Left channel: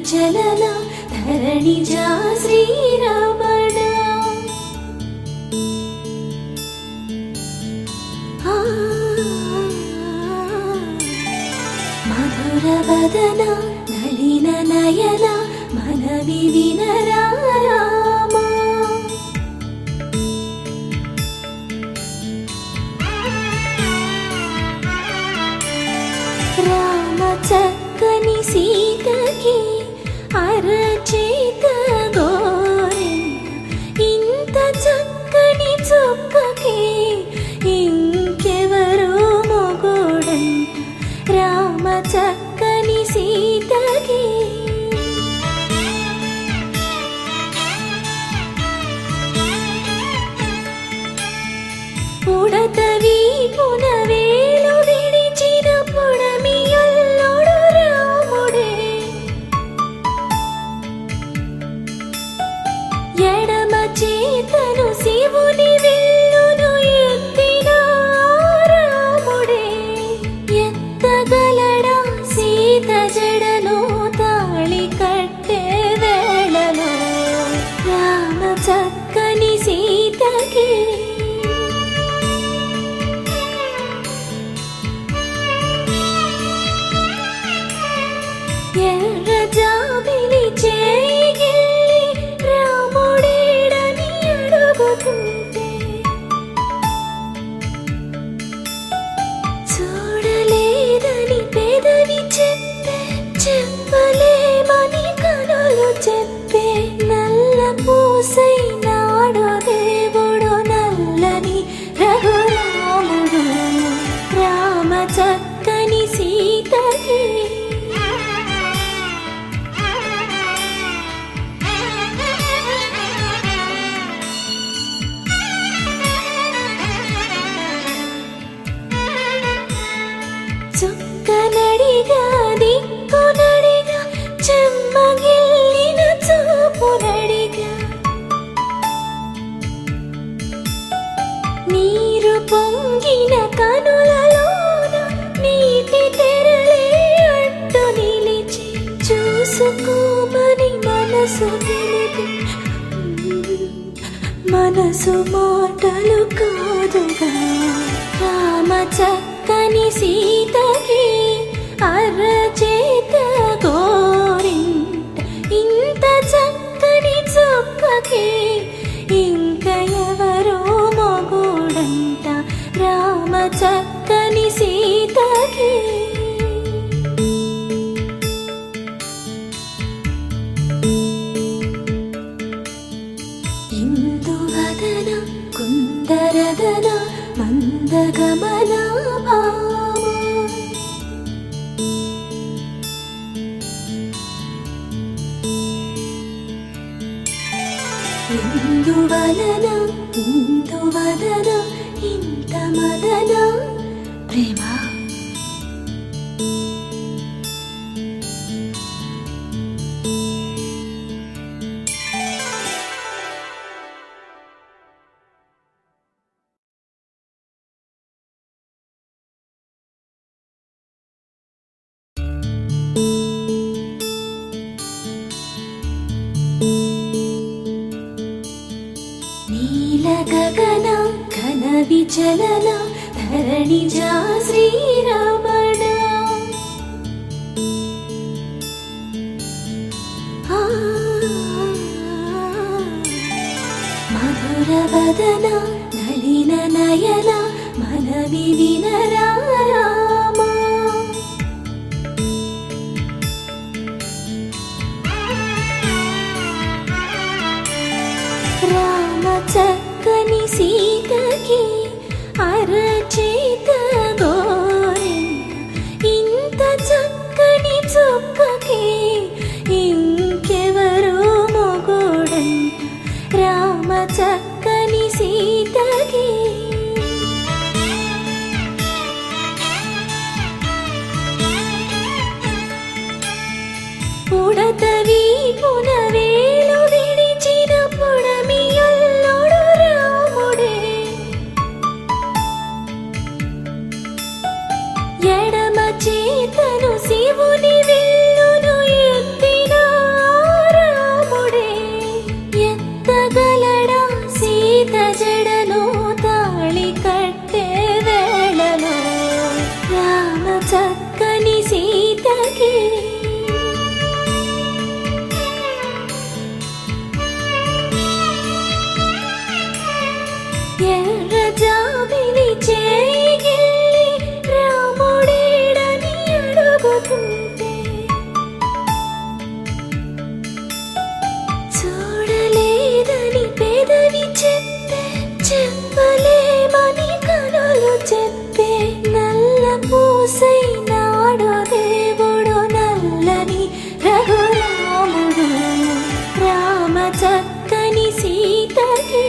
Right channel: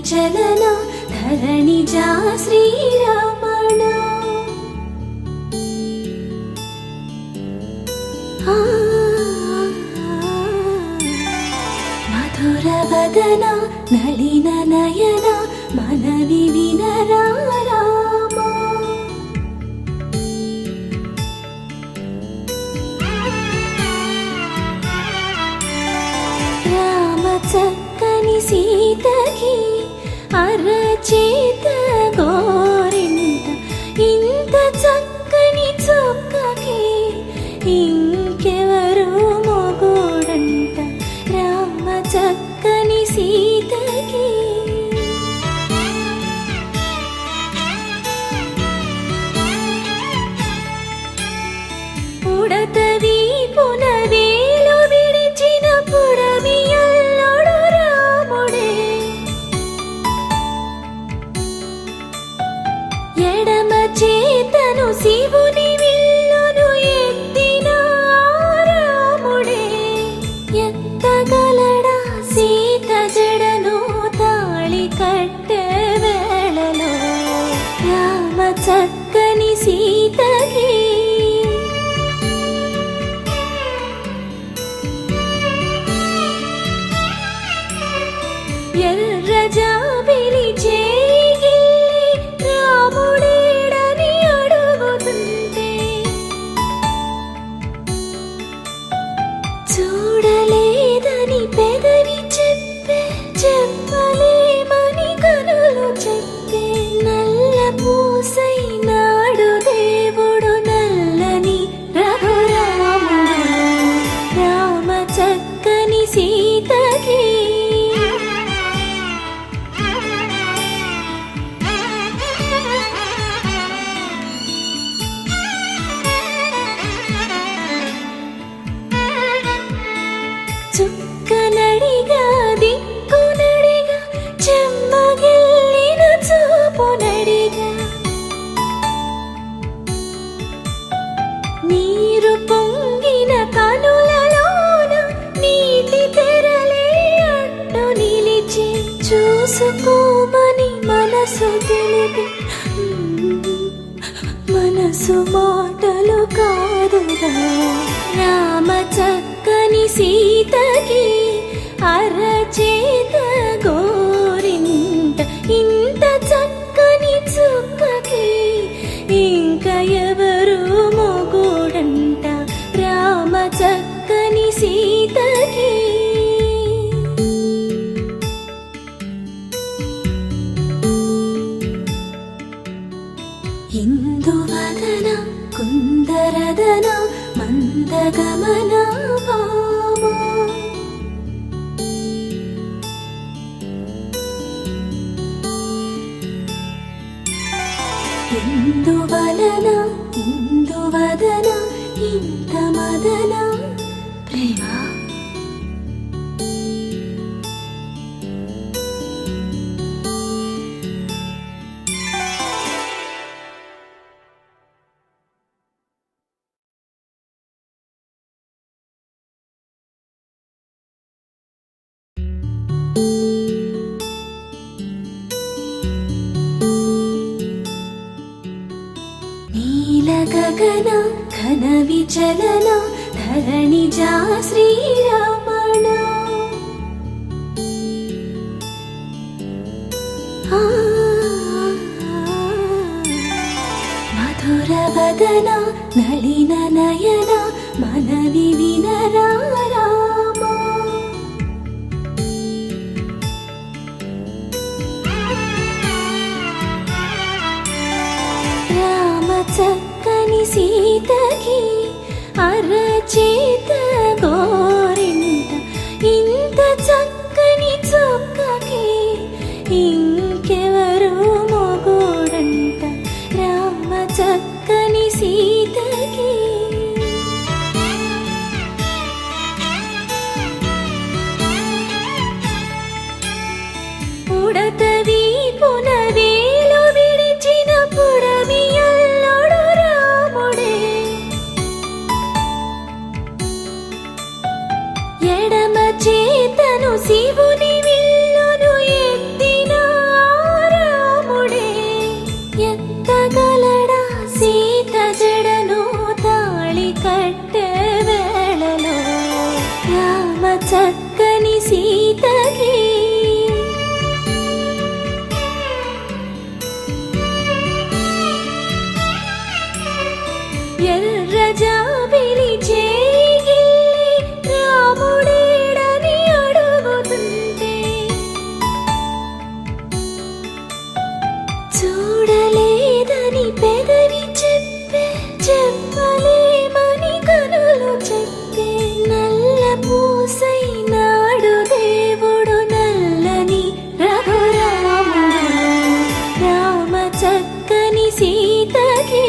విచలన ధరణిజా శ్రీరమణ మధురవదన నళిన నయన మనవి వినరా అరచేత గోరింట ఇంత చక్కని చుక్కకి ఇంకెవరు మొగుడంట రామ చక్కని సీతకి ఉడతవి పునవేలు విడిచిన పుడమియల్లోడు రాముడే ఎడమ చేతను శివుని విల్లును ఎత్తిన రాముడే ఎత్తగలడా సీత జడను తాళి కట్టే వేళలో రామ చక్కని సీతకి ఎర్ర జాబిలి చేయి రాముడేడని అడుగుతుంటే చూడలేదని పెదవి చెప్పే చెప్పలేమని కనులు చెప్పే నల్ల పూసై నాడు దేవుడు నల్లని రఘురాముడు రామ చక్కని సీతకి చుక్కనడిగా దిక్కునడిగా చెమ్మగిల్లిన చూపునడిగా నీరు పొంగిన కనులలోన నీటి తెరలే అడ్డు నిలిచి చూసుకోమని మనసు తెలిపి మనసు మాటలు కాదుగా రామ చక్కని సీతకి అరచేత గోరింట ఇంత చక్కని చుక్కకి ఇంక ఎవరు మొగుడంట రామ చక్కని సీతకి ఇందువదన కుందరదన మందగమన భామ ఇందువలన ఇందువదన ఇంత మదన ప్రేమ గగన ఘన విచలన ధరణిజా శ్రీరమణ మధురవదన నళిన నయన మనవి వినరా చక్కని సీతకి అరచేత గోరింట ఇంత చక్కని చుక్కకి ఇంకెవరు మొగుడంట రామ చక్కని సీతకి ఉడతవి పునవేలు విడిచిన పుడమియల్లోడు రాముడే ఎడమ చేతను శివుని విల్లును ఎత్తిన సీత జడను తాళి కట్టే వేళలో రామ చక్కని సీతకి ఎర్ర జాబిలి చేయి రాముడేడని అడుగుతుంటే చూడలేదని పెదవి చెప్పే చెప్పలేమని కనులు చెప్పే నల్ల పూసైనాడు దేవుడు నల్లని రఘురాముడు రామ చక్కని సీతకి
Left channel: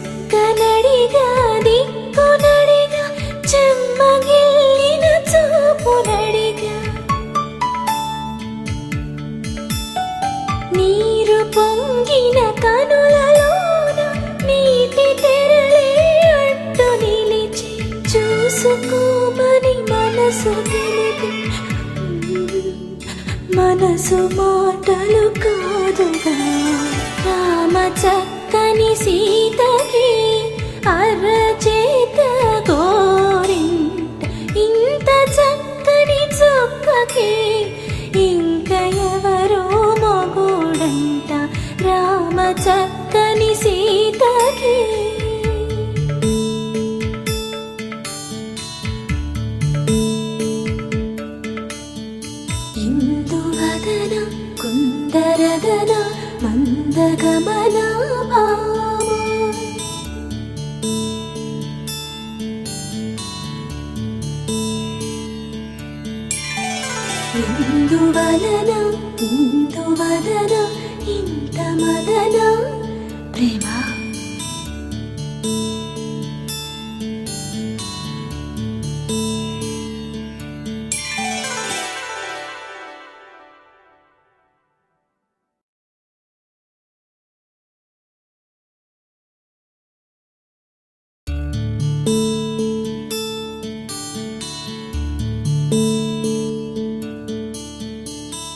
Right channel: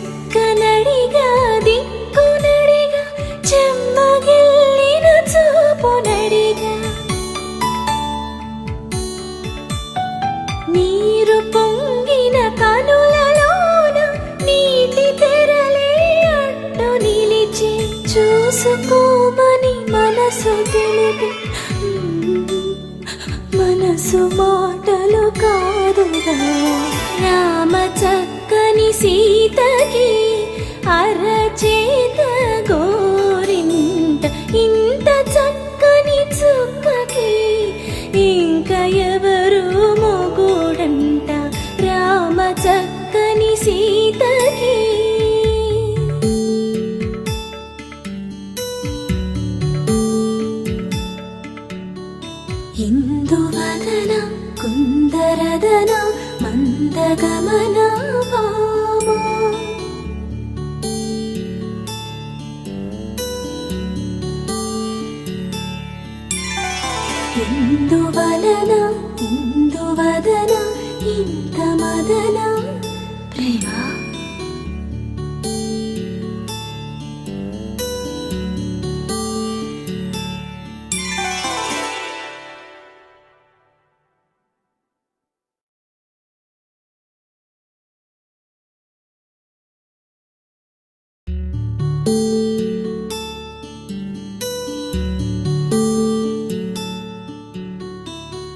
చుక్కనడిగా దిక్కునడిగా చెమ్మగిల్లిన చూపునడిగా నీరు పొంగిన కనులలోన నీటి తెరలే అడ్డు నిలిచి చూసుకోమని మనసు తెలిపి మనసు మాటలు కాదుగా రామ చక్కని సీతకి అరచేత గోరింట ఇంత చక్కని చుక్కకి ఇంక ఎవరు మొగుడంట రామ చక్కని సీతకి ఇందువదన కుందరదన మందగమన భామ ఇందువలన ఇందువదన ఇంత మదన ప్రేమ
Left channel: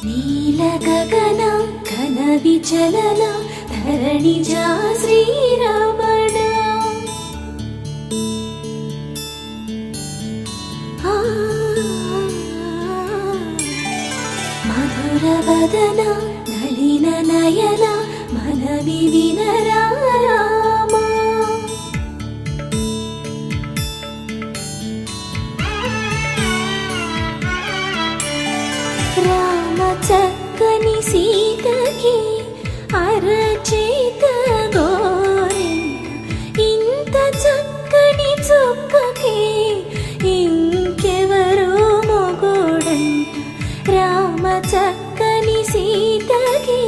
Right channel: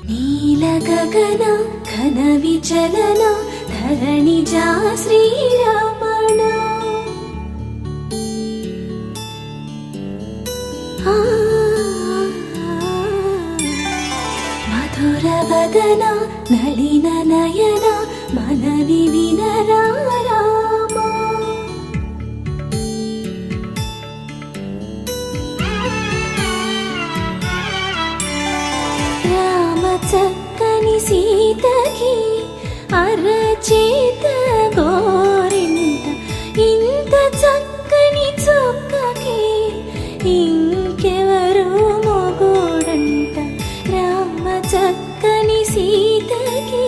నీల గగన ఘన విచలన ధరణిజా శ్రీరమణ మధుర వదన నలిన నయన మనవి వినరా రామా రామ చక్కని సీతకి అరచేత గోరింట ఇంత చక్కని చుక్కకి ఇంకెవరు మొగుడంట రామ చక్కని సీతకి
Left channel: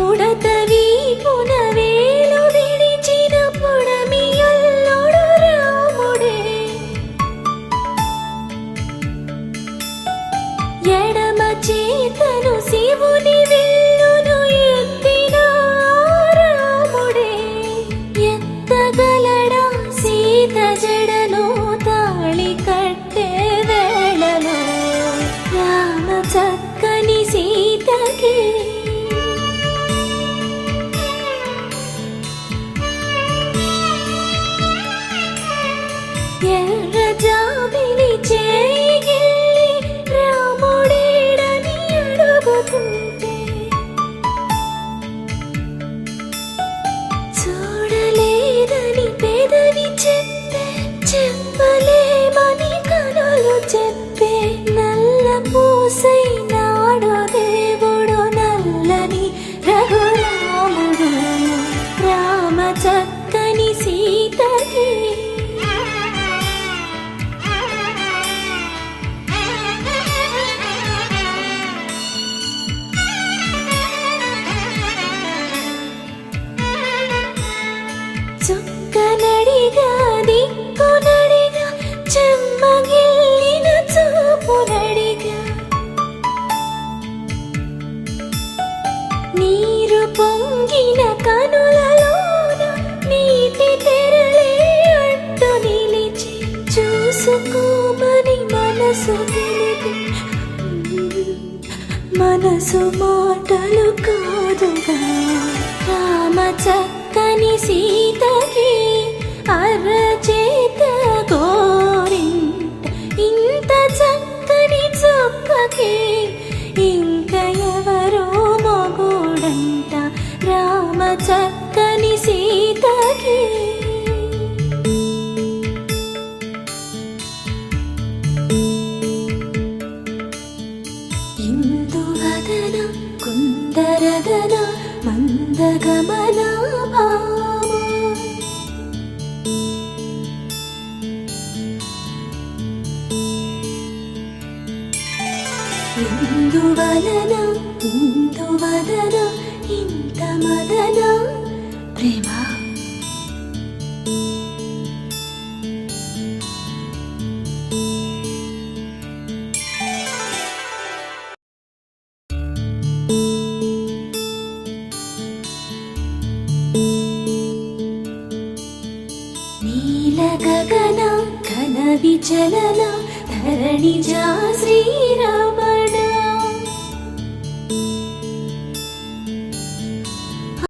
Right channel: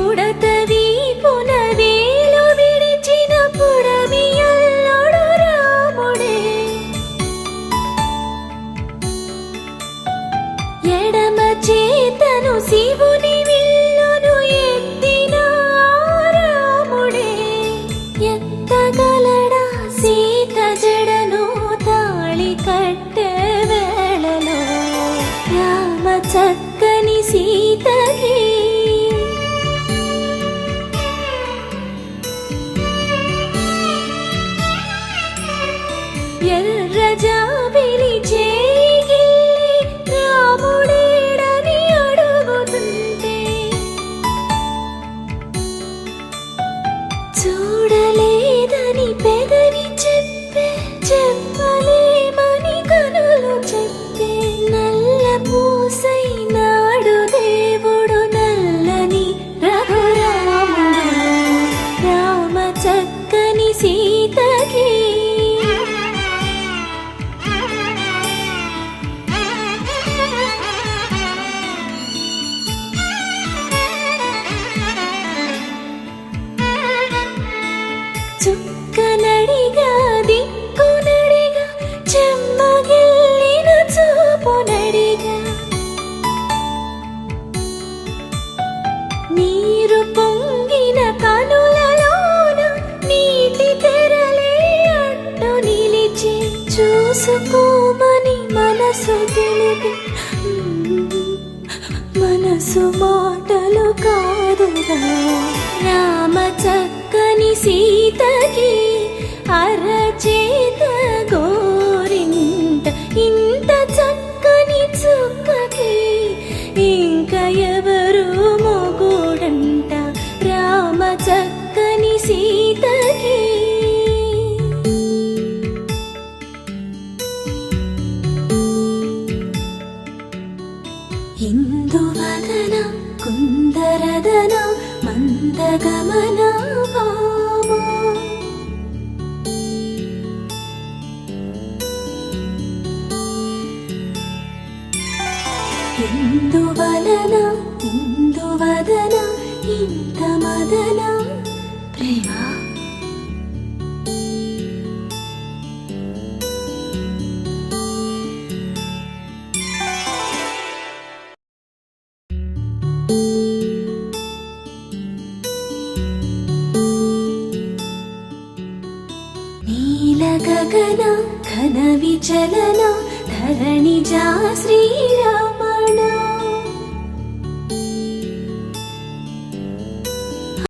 ఉడత వీపున వేలు విడిచిన పుడమియల్లోడు రాముడే ఎడమ చేతను శివుని విల్లును ఎత్తిన రాముడే ఎత్తగలడా సీత జడను తాళి కట్టే వేళలో రామ చక్కని సీతకి ఎర్ర జాబిలి చేయి రాముడేడని అడుగుతుంటే చూడలేదని పెదవి చెప్పే చెప్పలేమని కనులు చెప్పే నల్ల పూసైనాడు నీరు పొంగిన కనులలోన నీటి తెరలే అడ్డు నిలిచి చూసుకోమని మనసు తెలిపి మనసు మాటలు కాదుగా రామ చక్కని సీతకి అరచేత గోరింట ఇంత చక్కని చుక్కకి ఇంక ఎవరు మొగుడంట రామ చక్కని సీతకి ఇందువదన కుందరదన మందగమన భామ ఇందువలన ఇందువదన ఇంత మదన ప్రేమ నీల గగన ఘన విచలన ధరణిజా శ్రీరామ